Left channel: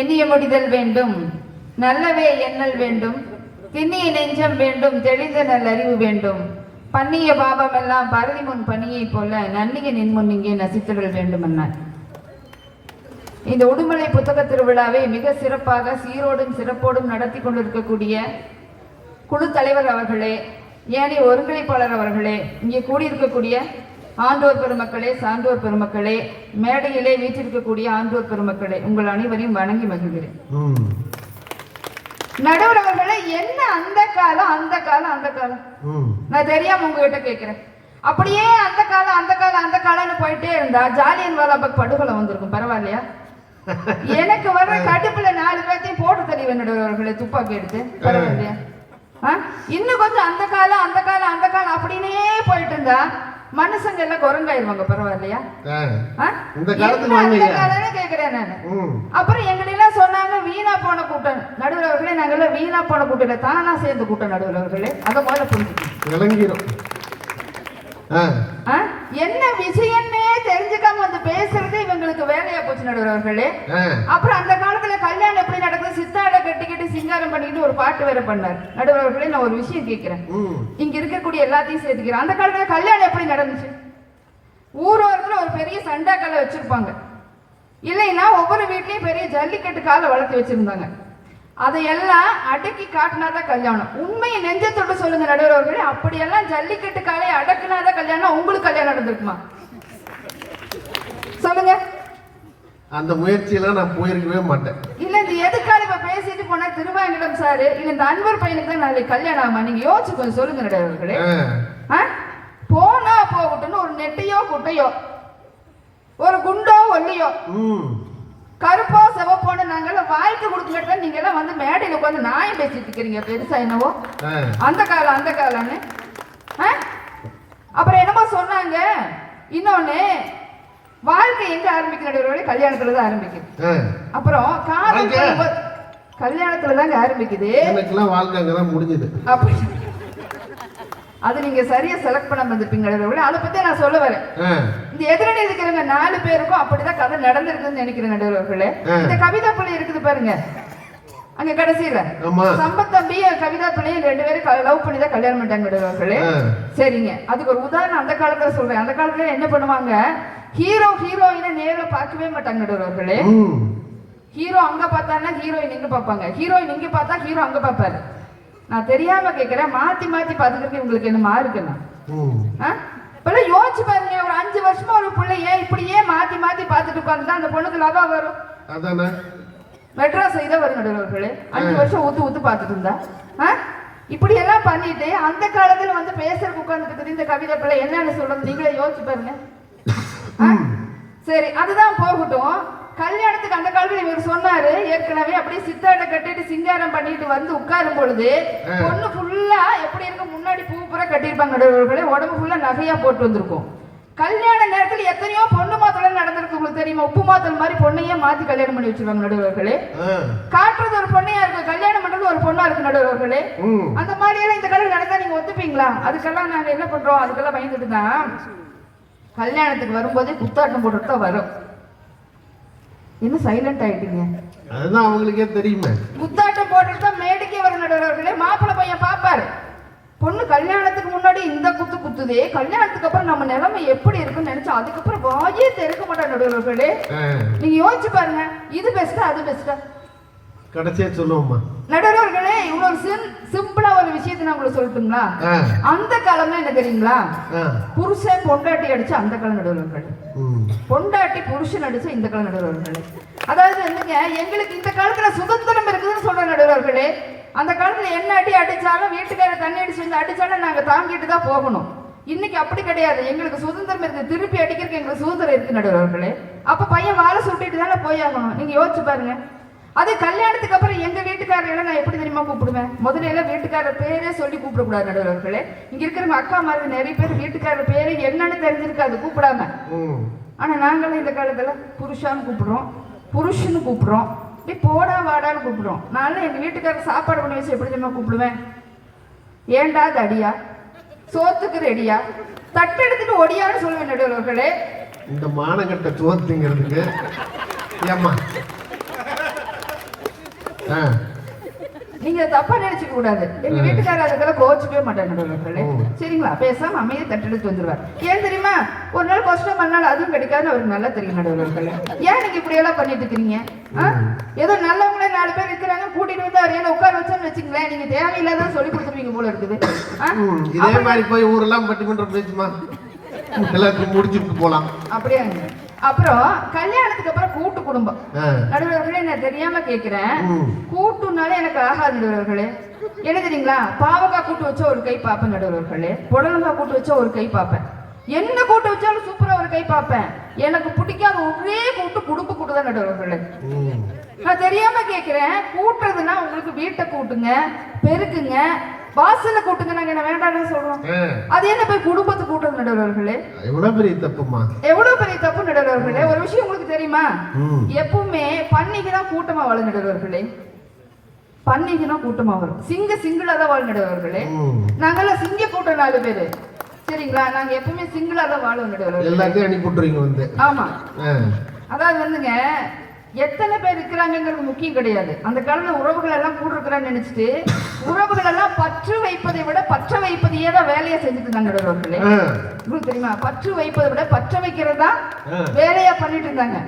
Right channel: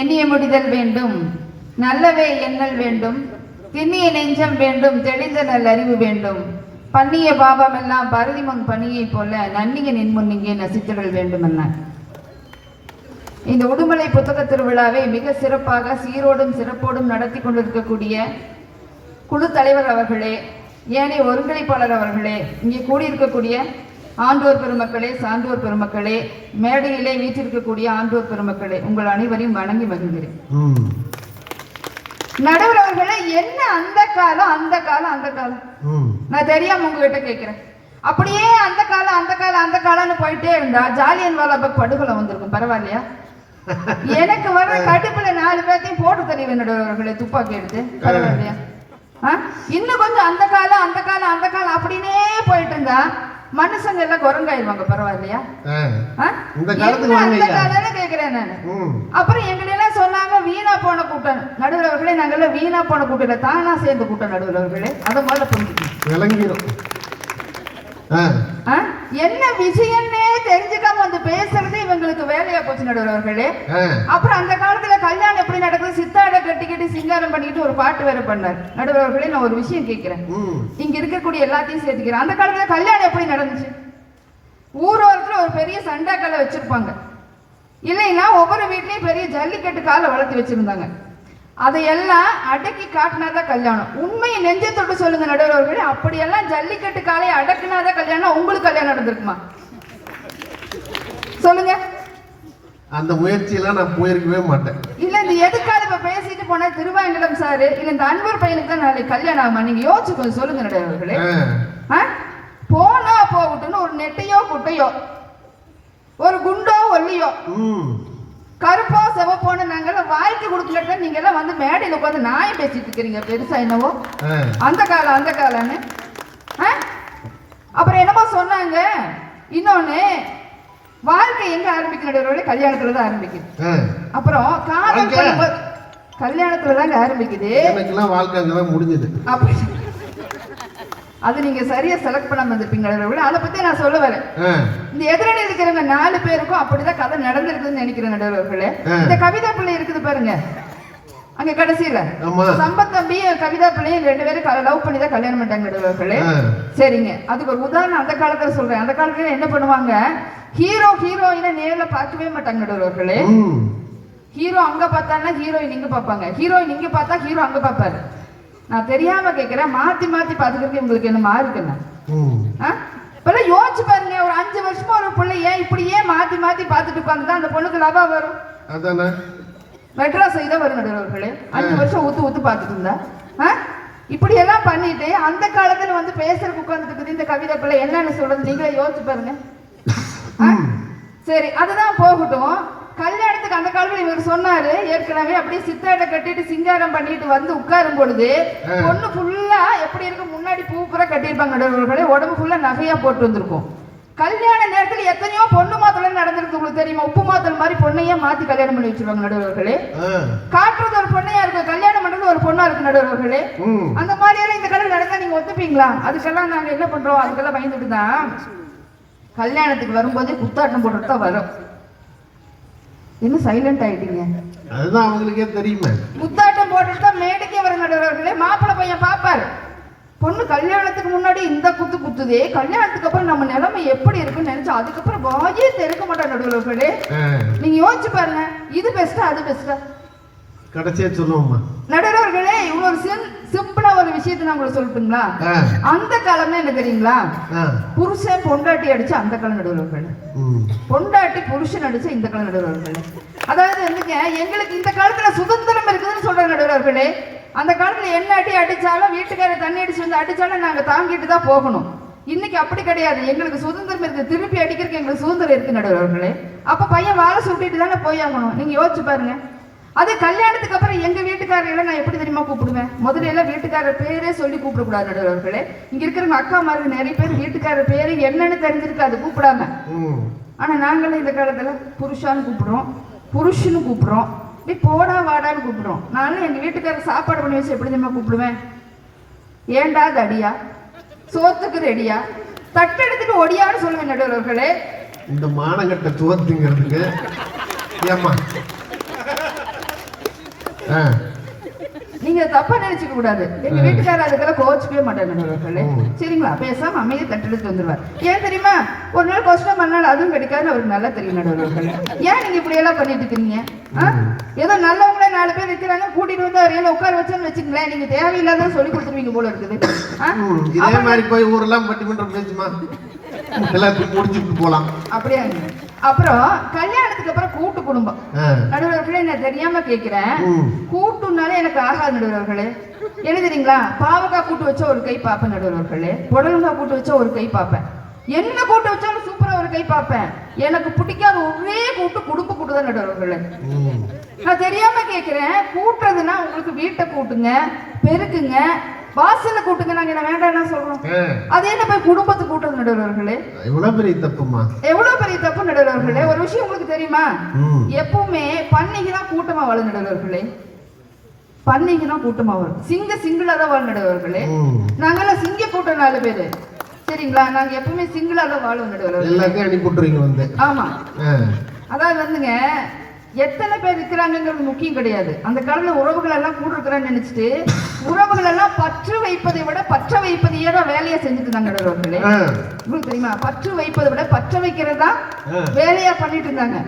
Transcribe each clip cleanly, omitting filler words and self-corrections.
எண்ணிய முடிதல் வேண்டும், நல்லவே எண்ணல் வேண்டும், திண்ணிய நெஞ்சம் வேண்டும், தெளிந்த நல்லறிவு வேண்டும், பண்ணிய பாபம் எல்லாம் பரதி முன் பணியை போல நன்னிய நின்முன் இங்கே நசித்திடல் வேண்டும் என்ன. இந்த உடுமலை புத்தக திருவிழாவை மிக சிறப்பாக சீரோடும் சிறப்போடும் நடத்தி கொண்டிருக்கக்கூடிய குழு தலைவர் அவர்களே, ஏனைய ஒருங்கிணைப்பாளர் அவர்களே, இங்கே கூடியிருக்கக்கூடிய ஆண்டோர் பெருமக்களே, சான்றோர் பெருமக்களே, மேடையிலே வீற்றிருக்கக்கூடிய ஆண்டோர் பெருமக்களே, உங்கள் அனைவரையும் வணங்கி மகிழ்கிறேன். நடுவர் அவர்களே, என்ன அந்த காலம் அந்த காலம் அந்த காலம் நான் தெரியாம உங்ககிட்ட கேட்கிறேன். அப்படியே அந்த காலம் அந்த காலம் அந்த காலம்னு போயிட்டே இருந்தா ஜாலியன் வாலாபாக் படுகொலை வந்திருக்கும். பரவாயில்லையா? எனக்கு வர்ற கடுப்புல 4 பேர்த்தையும் போட்டு தெரியும் நடுவர் அவர்களே, துப்பாக்கி எடுத்து. பரவாயில்லையா? இன்னும் கொஞ்சம் அந்த காலம் அந்த காலம் அந்த காலம் அப்படின்னே போயிட்டு இருந்தா மனுஷங்க எல்லாம் குரங்காயிருவாங்க. பரவாயில்லையா? கேக்குறேன் நான். அப்புறம் எங்கடையெல்லாம் சொன்னாங்க வீணா போன கூட்டம். நடுவர் அவர்களே, நாங்கெல்லாம் வீணா போன கூட்டம் தானா சேர்ந்து கூட்டம். நடுவர் அவர்களே, அதை முதல்ல புரிஞ்சுக்கணும். என்ன விஷயம்னே தெரிஞ்சுக்காம வந்து பேசுறது இவங்களுக்கு வேலையா போச்சு நடுவர் அவர்களே. அப்புறம் அந்த காலத்துல கல்யாணம் எப்படி நடக்குது, சித்தாட கட்டிக்கிட்டு சிங்காரம் பண்ணிட்டு ஒரு பாட்டு வேற பண்ணார். நடுவர் அவர்களே, நான் ஒரு விஷயம் கேட்கிறேன், இங்க இருக்கக்கூடிய எல்லாத்தையும் சேர்த்துக்கிறேன். அந்த காலத்துல கல்யாணம் எப்படி நடந்துச்சு? ஊரோரத்துல ஒரு பெரிய சண்டா காலை வச்சிருப்பாங்க, இல்லைன்னா ஒவ்வொரு வீட்லயும் பெரிய ஜல்லிக்கட்டு காலை வளர்த்து வச்சிருந்தாங்க. அதையெல்லாம் அடக்கி காட்டினாதான் கல்யாணம். உண்மையை நெஞ்சத்தோடு சொல்லுங்க நடுவர் அவர்களே, அப்படியெல்லாம் ஜல்லிக்கட்டு காலையை அடக்குனாதான் கல்யாணம். உங்களுக்கு கல்யாணம் நடந்திருக்குமா? சொல்லுங்க. அந்த முயற்சியெல்லாம் நான் போயிருக்கவே மாட்டேன். இல்ல, இது எதுக்காக இப்ப பேசிட்டு போன திருவாயங்கடம் சாரு, இல்ல இந்த அன்பர் பையனுக்கு தான் நாளைக்கு கல்யாணம் ஆகுமா? நீங்க யோசிச்சு கொஞ்சம் சொல்லுங்க நடுவர் அவர்களே. போனா போகட்டும்னு ஒரு நெட்டையோ குட்டையோ, ஒரு குண்டோ ஒல்லியோ, கருப்போ செவப்போன நாங்கெல்லாம் வாழ்க்கை கொடுக்கல, நீங்க எல்லாம் வந்து மேடையில உட்காந்து நாயம் பேசிட்டு இருக்கிறீங்க பெருசா என்னவோ அந்த காலம் அந்த காலம்னு. அப்புறம் என்னமோ சொன்னாங்க. இன்னொன்னு, வாழ்க்கை எங்க ஆரம்பிக்கிற? கல்யாணத்துல தான் ஆரம்பிக்குது. அப்புறம் காதல் கல்யாணத்துல தாங்க ஆரம்பிக்குது. வாழ்க்கை அங்கதான் முடிஞ்சது. அப்படி அது நீங்க சரியா செலக்ட் பண்ண வந்திருப்பீங்க. அதை பத்தி நான் சொல்ல வரேன். இந்த எதிரடி இருக்கிறவங்க 4 பேருக்கும் அப்படிதான் கதை நடந்திருக்குன்னு நினைக்கிறேன் நடுவர்களே. இந்த கவிதா பிள்ளை இருக்குது பாருங்க, அங்க கடைசியில சம்பத் தம்பி கவிதா பிள்ளைய 2 பேரும் லவ் பண்ணி தான் கல்யாணம் பண்ணிட்டாங்க நடுவர்களே. சரிங்க, அதுக்கு ஒரு உதாரணம் அந்த காலத்துல சொல்றேன். அந்த காலத்துல என்ன பண்ணுவாங்க, ஹீரோ ஹீரோயினை நேர்ல பார்க்கவே மாட்டாங்க நடுவர்களே. ஹீரோ அங்க பார்த்தாங்கன்னா ஹீரோயின் இங்க பார்ப்பாங்க, ஹீரோயின் இங்க பார்த்தா ஹீரோ அங்க பார்ப்பாரு. நான் தெரியாம கேட்கிறேன், மாத்தி மாத்தி பாத்துக்கிறதுக்கு உங்களுக்கு என்னமா இருக்குன்னா? இப்பெல்லாம் யோசிச்சு பாருங்க, ஒரு 5 வருஷமா ஒரு பிள்ளை ஏன் இப்படியே மாத்தி மாத்தி பாத்துட்டு உட்கார்ந்து அந்த பொண்ணுக்கு லாபம் வரும். மெட்ராஸ் தான் வரும் நடுவர்களே. 5 வருஷம் ஊத்து ஊத்து பாத்துட்டு இருந்தா இப்படி எல்லாம் பண்ணிட்டு அந்த காலத்துல வந்து பேசுறதுக்கு உட்கார்ந்துட்டு இந்த கவிதை பிள்ளை என்னன்னு சொல்றது நீங்களே யோசிச்சு பாருங்க. சரி, அதுதான் போகட்டும். கல்யாணத்துக்கு அந்த காலத்துல இவர் சொன்னாரு ஏற்கனவே, அப்படியே சித்தாட கட்டிட்டு சிங்காரம் பண்ணிட்டு வந்து உட்காரும் பொழுது பொண்ணு ஃபுல்லா எப்படி இருக்கு, முன்னாடி பூ பூரா கட்டியிருப்பாங்க நடுவர்களே, உடம்பு ஃபுல்லா நகையா போட்டு வந்திருக்கும். கல்யாண நேரத்தில் எத்தனையோ பொண்ணு மாத்தல நடந்திருக்கு உங்களுக்கு தெரியுமா? உப்பு மாத்தல் மாதிரி பொண்ணையே மாத்தி கல்யாணம் பண்ணி வச்சிருவாங்க நடுவர்களே. காட்டுறது ஒரு பொண்ணையா இருக்கு, கல்யாணம் பண்றது ஒரு பொண்ணா இருக்கு நடுவர்களே. அந்த மாதிரி இந்த கல்யாணம் நடந்தா நீங்க ஒத்துப்பீங்களா? அதுக்கெல்லாம் நாங்க என்ன பண்றோம், அதுக்கெல்லாம் பயந்துட்டு தான் கல்யாணத்துக்கு வரும்போதே குத்தாட்டம் போட்டுட்டு தான் வரும். என்ன சைலண்ட் ஆயிட்டீங்க? அதுதான் அவங்களுக்கே தெரியுமே. குத்தாட்டம் போட்டுட்டு தான் மேடைக்கே வர நடுவர்களே. மாப்பிள்ளை பையன் பாப்பாரு, பொண்ணு கல்யாணத்துக்கு முன்னாடி இந்த குத்து குத்துதே, கல்யாணத்துக்கு அப்புறம் நம்ம நிலைமை எப்படி இருக்குன்னு நினைச்சா அதுக்கப்புறம் வாயே திறக்க மாட்டோம் நடுவர்களே. நீங்க யோசிச்சு பாருங்க, இது பெஸ்டா அது பெஸ்டா? கடைசியா சொல்லுவோமா நடுவர்களே? இவ்வளவு சிம்பிளா ஒரு விஷயத்தை நான் உங்களுக்கு சொல்லட்டுங்களா? அந்த காலம்ல என்ன தெரியுங்களா, புருஷன் பொண்டாட்டி அடிச்சு அந்த காலம் நடுவர்களே, பொண்டாட்டி புருஷன் அடிச்சு இந்த காலம் நடுவர்களே. அதாவது வந்துங்க, எங்களுக்கு இந்த காலத்துல சுதந்திரம் இருக்குதுன்னு சொல்ற நடுவர்களே. அந்த காலத்துல என்ன அடி அடிச்சாலும் வீட்டுக்கார தண்ணி அடிச்சு வந்து அடிச்சாலும் நாங்க தாங்கிட்டு தான் போகணும். இன்னைக்கு அப்படி கிடையாது, எங்களுக்கு சுதந்திரம் இருக்கு, திருப்பி அடிக்கிறதுக்கு எங்களுக்கு சுதந்திரம் இருக்கு நடுவர்களே. அப்ப பையன் வாழை சுட்டிட்டு தானே போயாகணும். நீங்க யோசிச்சு பாருங்க. அது கல்யாணத்துக்கு அப்புறம் எங்க வீட்டுக்காரர்களை நான் எப்படி தெரியுமா கூப்பிடுவேன்? முதல்ல எல்லாம் வீட்டுக்காரர் பேரே சொல்லி கூப்பிடக்கூடாது நடுவர்களே. இங்க இருக்கிறவங்க அக்கா மாதிரி நிறைய பேர் வீட்டுக்காரர் பேரு என்னன்னு தெரிஞ்சிருக்காது கூப்பிடாம. ஆனா நாங்களும் இந்த காலத்துல புருஷான்னு கூப்பிடுறோம், புருஷன்னு கூப்பிடுறோம், நீ போடா வாடான்னு கூப்பிடுறோம். நானும் எங்க வீட்டுக்காரர் சாப்பாடு பண்ணி வச்சு எப்படி தெரியுமா கூப்பிடுவேன்? ஏண்டா தடியா, சோத்துக்கு ரெடியா, தட்டு எடுத்துட்டு ஒடியான்னு சொல்லுவேன் நடுவர்களே. இந்த மானங்கட்ட சோத்துங்கிறதுக்கு ஏம்மா நீங்க தப்பா நினைச்சுக்க கூடாது. எங்க வீட்டுக்காரர் அதுக்கெல்லாம் கோச்சுக்கவே மாட்டாங்க. சரிங்களா? பேசாம அமைதியை தட்டெடுத்து வந்துருவார். ஏன் தெரியுமா? ஒரு நாள் கொஸ்டின் பண்ணாலும் அதுவும் கிடைக்காதுன்னு அவருக்கு நல்லா தெரியும் நடுவர்கள். ஏன் நீங்க இப்படி எல்லாம் பண்ணிட்டு இருக்கீங்க? ஏதோ நல்லவங்கள 4 பேர் இருக்கிறாங்க, கூட்டிட்டு வந்து அவர் ஏன் உட்கார வச்சோன்னு வச்சுங்களேன், நீங்க தேவையில்லாத சொல்லி கொடுத்துருவீங்க போல இருக்குது. இதே மாதிரி போய் ஊரெல்லாம் பட்டிமன்றம் பேசுமா, எல்லாத்தையும் முடிச்சுட்டு போலாம். அப்படியா? அப்புறம் கல்யாணத்துக்கு அப்புறம் கூட்டு குடும்பம் நடுவர்களே, நான் தெரியாம கேட்கிறேன், கூட்டுனாலே எனக்கு ஆகாது நடுவர்களே. என்ன தெரியுங்களா? பாவக்காய் கூட்டு வச்சா ஒரு கை பார்ப்பேன் நடுவர்களே, புடலங்காய் கூட்டு வச்சா ஒரு கை பார்ப்பேன், என்ன கூட்டு வச்சாலும் சூப்பரா ஒரு கை பார்ப்பேன். எனக்கு பிடிக்காத ஒரே கூட்டு குடும்ப கூட்டு தான் நடுவர்களே. நான் தெரியாம கேட்கிறேன், கூட்டுறதுன்னா உங்களுக்கு வீட்டை கூட்டுங்க, பெருக்குங்க, வாசல கூட்டுங்க, நாங்க என்ன வேண்டாம் சொல்றோம். அது என்ன போய் குடும்பத்தை கூட்டுறது நடுவர்களே? எவ்வளவு பெரிய தப்புமா, எவ்வளவு பெரிய தப்பு நடுவர்களே. ஒரு விஷயம் உங்களுக்கு தெரியுமா? எப்பவுமே பன்னிங்கன்னா கூட்டமா வாழும் நடுவர்களே. பன்னிங்கன்னா கூட்டமா வரும், சிங்கிளா தான் வாழும் நடுவர்களே. நாங்கெல்லாம் சிங்க கூட்ட 4 பேரு, சரிங்களா? நாங்க எப்பவுமே சிங்கிளா தான் வாழும் நடுவர்களே. எல்லாத்தையும் அடி கூட்டுறீங்க வந்து. ஆமா, அதாவது வந்துங்க, எத்தனை பேர் இருக்கிறாங்கிறது முக்கியம் கிடையாது. அந்த காலத்துல உறவுகள் எல்லாம் கூட இருக்கிறான்னு நினைச்சிட்டு உறவுகள் எல்லாம் பற்று வைப்பதை விட பற்ற வைப்பதையே தான் வேலையை செஞ்சுட்டு இருந்தாங்க நடுவர்களே. உங்களுக்கு தெரியுமா? பற்று வைப்பதை விட பற்ற வைக்கிறதா வேலையா பண்ணிட்டு இருந்தாங்க.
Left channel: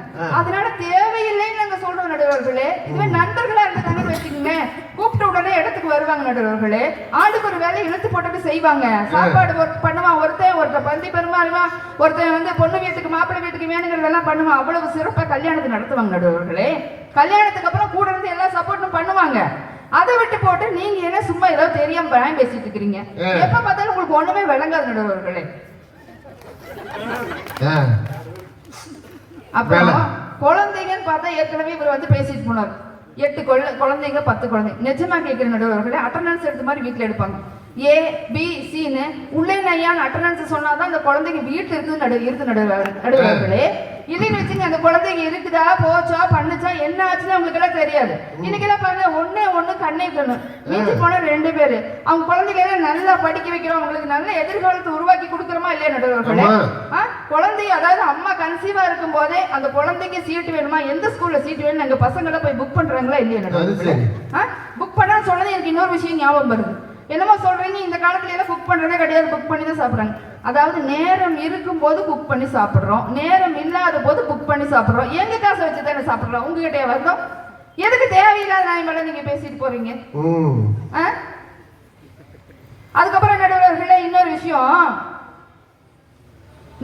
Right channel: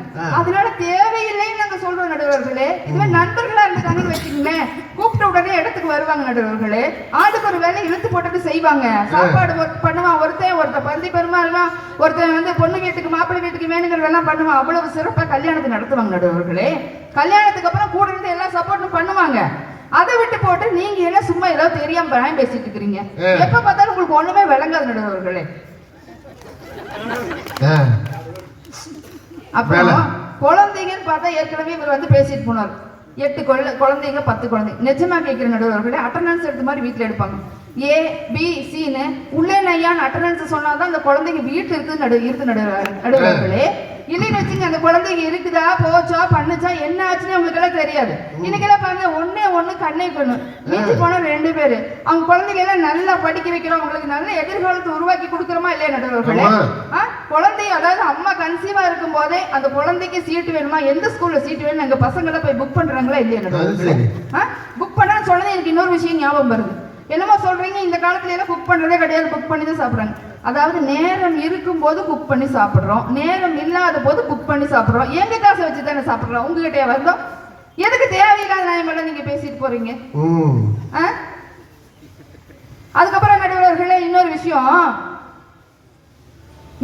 அதனால தேவையில்லைன்னு நாங்க சொல்றோம் நடுவர்களே. இதுவே நண்பர்களா இருந்தாங்கன்னு வச்சுக்கோங்க, கூப்பிட்ட உடனே இடத்துக்கு வருவாங்க நடுவர்களே. ஆளுக்கு ஒரு வேலை இழுத்து போட்டுட்டு செய்வாங்க. சாப்பாடு பண்ணுவான், ஒருத்தன் பந்தி பெருமாறுவான், ஒருத்தன் வந்து பொண்ணு வீட்டுக்கு மாப்பிள்ளை வீட்டுக்கு வேணுங்கிறதெல்லாம் பண்ணுவான். அவ்வளவு சிறப்பா கல்யாணத்தை நடத்துவாங்க நடுவர்களே. கல்யாணத்துக்கு அப்புறம் கூட இருந்து எல்லா சப்போர்ட்டும் பண்ணுவாங்க. அதை விட்டு போட்டு நீங்க என்ன சும்மா ஏதோ தெரியாம பயம் பேசிட்டு இருக்கிறீங்க. எப்ப பார்த்தாலும் உங்களுக்கு ஒண்ணுமே விளங்காது நடுவர்களே. அப்புறம் குழந்தைங்கன்னு பார்த்தா ஏற்கனவே இவர் வந்து பேசிட்டு போனார். 8 குழந்தைங்க 10 குழந்தைங்க. நிஜமா கேட்கிற நடுவர்களே, அட்டண்டன்ஸ் எடுத்த மாதிரி வீட்டுல எடுப்பாங்க. A B C உள்ளே நையான் அட்டண்டன்ஸ் சொன்னாதான் அந்த குழந்தைங்க வீட்டு இருக்கு நடுவர்களே. இல்லைன்னு வச்சுங்க, அந்த குழந்தைங்க இருக்குதா போச்சா பண்ணுச்சா என்ன ஆச்சுன்னு அவங்களுக்கு எல்லாம் தெரியாது. இன்னைக்கெல்லாம் பாருங்க, ஒண்ணு கண்ணே கண்ணு, மீச்சு போனா 2 பேரு. அவங்க குழந்தைங்க எல்லாம் நல்லா படிக்க வைக்கிறோம், அவங்களுக்கு நல்ல எதிர்காலத்தை உருவாக்கி கொடுக்குறோமா இல்லையா நடுவர்களே? குழந்தை, அதாவது அம்மா கன்சீவா இருக்கும் போதே அந்த குழந்தைக்கு சீட்டு வேணுமா, எந்த ஸ்கூல்ல சீட்டு வேணும் எங்க பசங்க எல்லாம் போய் புக் பண்றாங்களா இல்லையா நடுவர்களே? புக் பண்ணான்னு சொன்னது எனக்கு இன்னொரு விஷயம் ஞாபகம் வருது. என்னமோ சொல்றீங்க, இந்த காலத்துல எல்லாம் புக் பண்றதே கிடையாது, புக் பண்ணி தான் சாப்பிடுறாங்க. அதாவது நேரம் இருக்கும் போது புக் பண்ணி சாப்பிடுறோம், நேரம் இல்லாத போது புக் பண்ணி சாப்பிடுறோம். எங்க காசை வச்சு தானே சாப்பிடுறோம், உங்ககிட்டயே வந்தோம். எதுக்கு தேவையில்லாத நியாயமெல்லாம் நீங்க பேசிட்டு போறீங்க? அதுக்கப்புறம் நடுவர்களே இன்னொரு விஷயம்,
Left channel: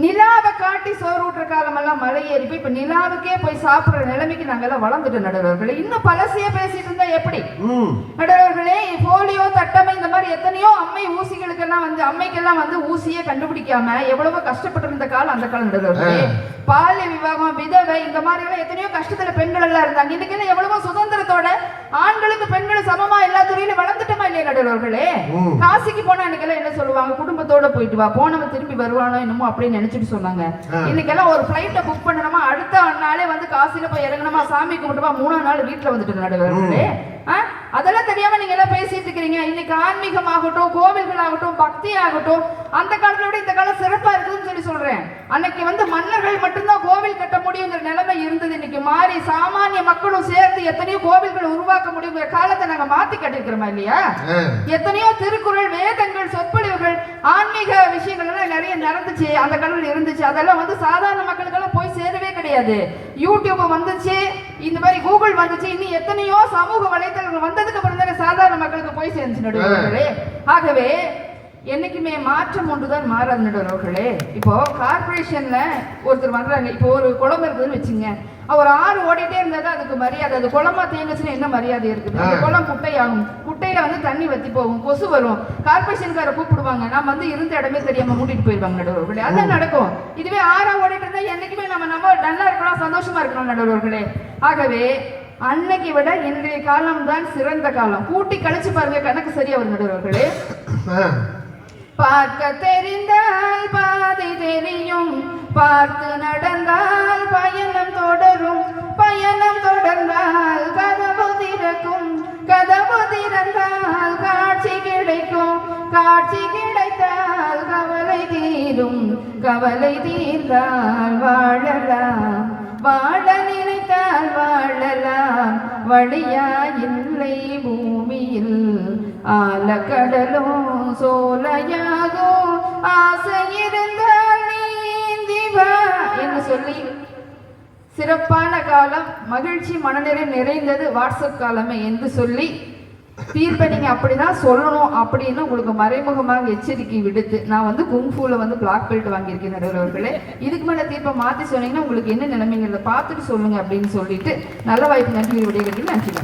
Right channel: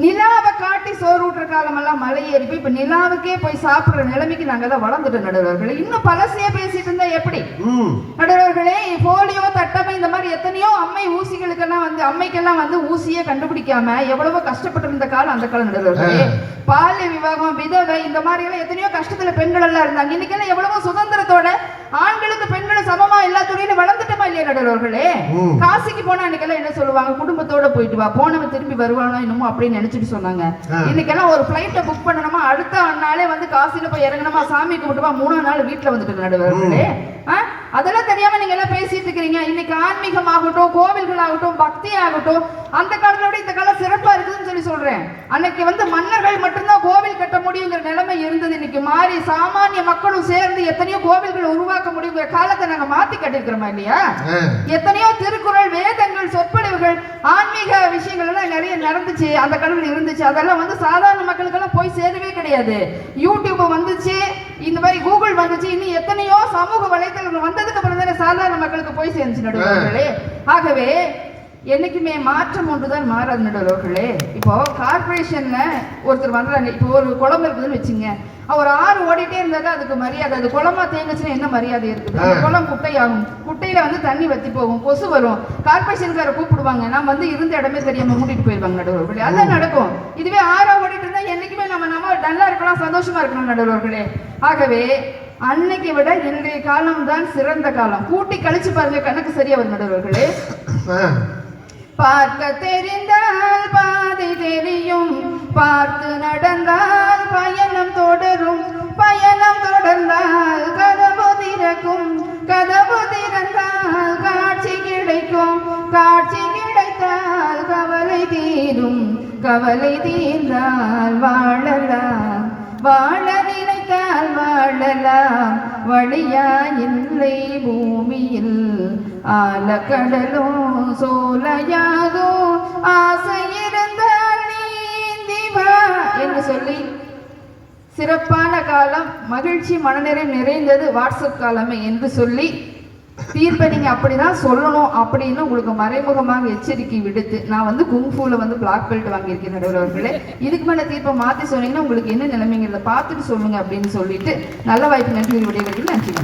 நிலாவை காட்டி சோறு ஊட்டுற காலம் எல்லாம் மலை ஏறிப்பி இப்ப நிலாவுக்கே போய் சாப்பிடுற நிலைமைக்கு நாங்கெல்லாம் வளர்ந்துட்டோம் நடுவர்களே. இன்னும் பழசையே பேசிட்டு இருந்தா எப்படி நடுவர்களே? போலியோ தட்டமை இந்த மாதிரி எத்தனையோ அம்மை ஊசிகளுக்கெல்லாம் வந்து அம்மைக்கெல்லாம் வந்து ஊசியே கண்டுபிடிக்காம எவ்வளவோ கஷ்டப்பட்டு இருந்த காலம் அந்த காலம் நடுவர்களே. பாலிய விவாகம், விதவை, இந்த மாதிரி எல்லாம் எத்தனையோ கஷ்டத்துல பெண்கள் எல்லாம் இருந்தாங்க. இன்னைக்கு எல்லாம் எவ்வளவோ சுதந்திரத்தோட ஆண்களுக்கு பெண்கள் சமமா எல்லா துறையிலும் வளர்ந்துட்டோமா இல்லையா நடுவர்களே? காசிக்கு போனா இன்னைக்கு எல்லாம் என்ன சொல்லுவாங்க, குடும்பத்தோட போயிட்டு வா, போனவன் திருப்பி வருவானோ என்னமோ அப்படின்னு நினைச்சிட்டு சொன்னாங்க. இன்னைக்கு எல்லாம் ஒரு பிளைட்ல புக் பண்ணணுமா, அடுத்த நாளே வந்து காசில போய் இறங்கணுமா, சாமி கும்பிட்டுமா, 3ஆம் நாள் வீட்டுல வந்துட்டு நடுவர்களே. அதெல்லாம் தெரியாம நீங்க எல்லாம் பேசிட்டு இருக்கிறீங்க. இன்னைக்கு ஆன்மீகம் ஆகட்டும், கோவில்கள் ஆகட்டும், பக்தி ஆகட்டும், அந்த காலத்துல விட இந்த காலம் சிறப்பா இருக்குதுன்னு சொல்லி சொல்றேன். அன்னைக்கு வந்து மன்னர்கள் மட்டும்தான் கோவில் கட்ட முடியுங்கிற நிலைமை இருந்தது. இன்னைக்கு மாறி சாமானிய மக்களும் சேர்ந்து எத்தனையோ கோவில்களை உருவாக்க முடியுங்கிற காலத்தை நாங்க மாத்தி கட்டிருக்கிறோமா இல்லையா? எத்தனையோ திருக்குறள், வேதங்கள், சொற்பொழிவுகள், ஆன்மீக விஷயங்கள் எல்லாம் நிறைய நடந்துச்சு, அந்த காலத்துல இருந்துச்சு. அதெல்லாம் வந்து சாதாரண மக்களுக்கு எல்லாம் போய் சேரவே கிடையாது. யூடியூப் வந்துச்சு, இந்த மாதிரி கூகுள் வந்துச்சு, இன்னும் எத்தனையோ சமூக வலைத்தளங்கள் வந்ததுக்கு அப்புறம் தானே சாதாரண மக்களுக்கு போய் சேர்ந்துச்சு நடுவர்களே. ஆகவே என்னைக்குமே மாற்றம் ஒன்றுதான் மாறாது நடுவர்களே. இப்போ கார்பரேஷன்ல ஒருத்தர் வர்றாங்க, இப்போ ஒரு குளம் இருக்குதுன்னு வச்சுங்க, ஒரு ஆறு ஓடிட்டே இருந்தாதான் அதுக்கு மரியாதை. அது குளமா தேங்குச்சுன்னா என்ன மரியாதை இருக்குது? அந்த குளம் குட்டையாகும், குட்டையில வந்து தண்ணி வத்தி போகும், கொசு வரும், கார்பரேஷன்கார கூப்பிடுவாங்க, நான் வந்து இருந்த இடமே தெரியாம மூட்டிட்டு போயிருவாங்க நடுவர்களே. அதான் நடக்கும். இதுவே ஆறா ஓடிட்டு இருந்தா என்னைக்குமே நம்ம நல்லா இருக்கலாம், சந்தோஷமா இருக்கணும் நடுவர்களே. ஆகவே அன்னைக்கு விட இன்றைய காலம் தான் சிறந்த காலம். கூட்டி கழிச்சு பாருங்க, கணக்கு சரியா வரும் நடுவர்களே. பார்க்க தெரிந்தால் பாதை தெரியும், பார்த்து நடந்தால் பயணம் தொடரும், பயணம் தொடர்ந்தால் கதவு திறக்கும், கதவு திறந்தால் காட்சி கிடைக்கும், காட்சி கிடைத்தால் கவலை தீரும், கவலை தீர்ந்தால் விடலாம் வழியா இல்லை பூமியில் ஆலக்கடலும் சோலையாகும் ஆசை இருந்தால் நீந்தி வா என்று சொல்லி சிறப்பான காலம் மகிழ்ச்சி மனநிறை நிறைந்தது வாட்ஸ்அப் காலமே என்று சொல்லி தீர்ப்பை நீங்க அப்படிதான் சொல்லணும் அப்படின்னு உங்களுக்கு மறைமுகமாக எச்சரிக்கை விடுத்து நான் வந்து குங்ஃபூல வந்து பிளாக் பெல்ட் வாங்கியிருக்கேன் நடுவர்களே. இதுக்கு மேல தீர்ப்பை மாத்தி சொன்னீங்கன்னா உங்களுக்கு என்ன நிலைமைங்கிறத பார்த்துட்டு சொல்லுங்க அப்படின்னு சொல்லிட்டு நல்ல வாய்ப்பு நன்றி விடைகளுக்கு நன்றி.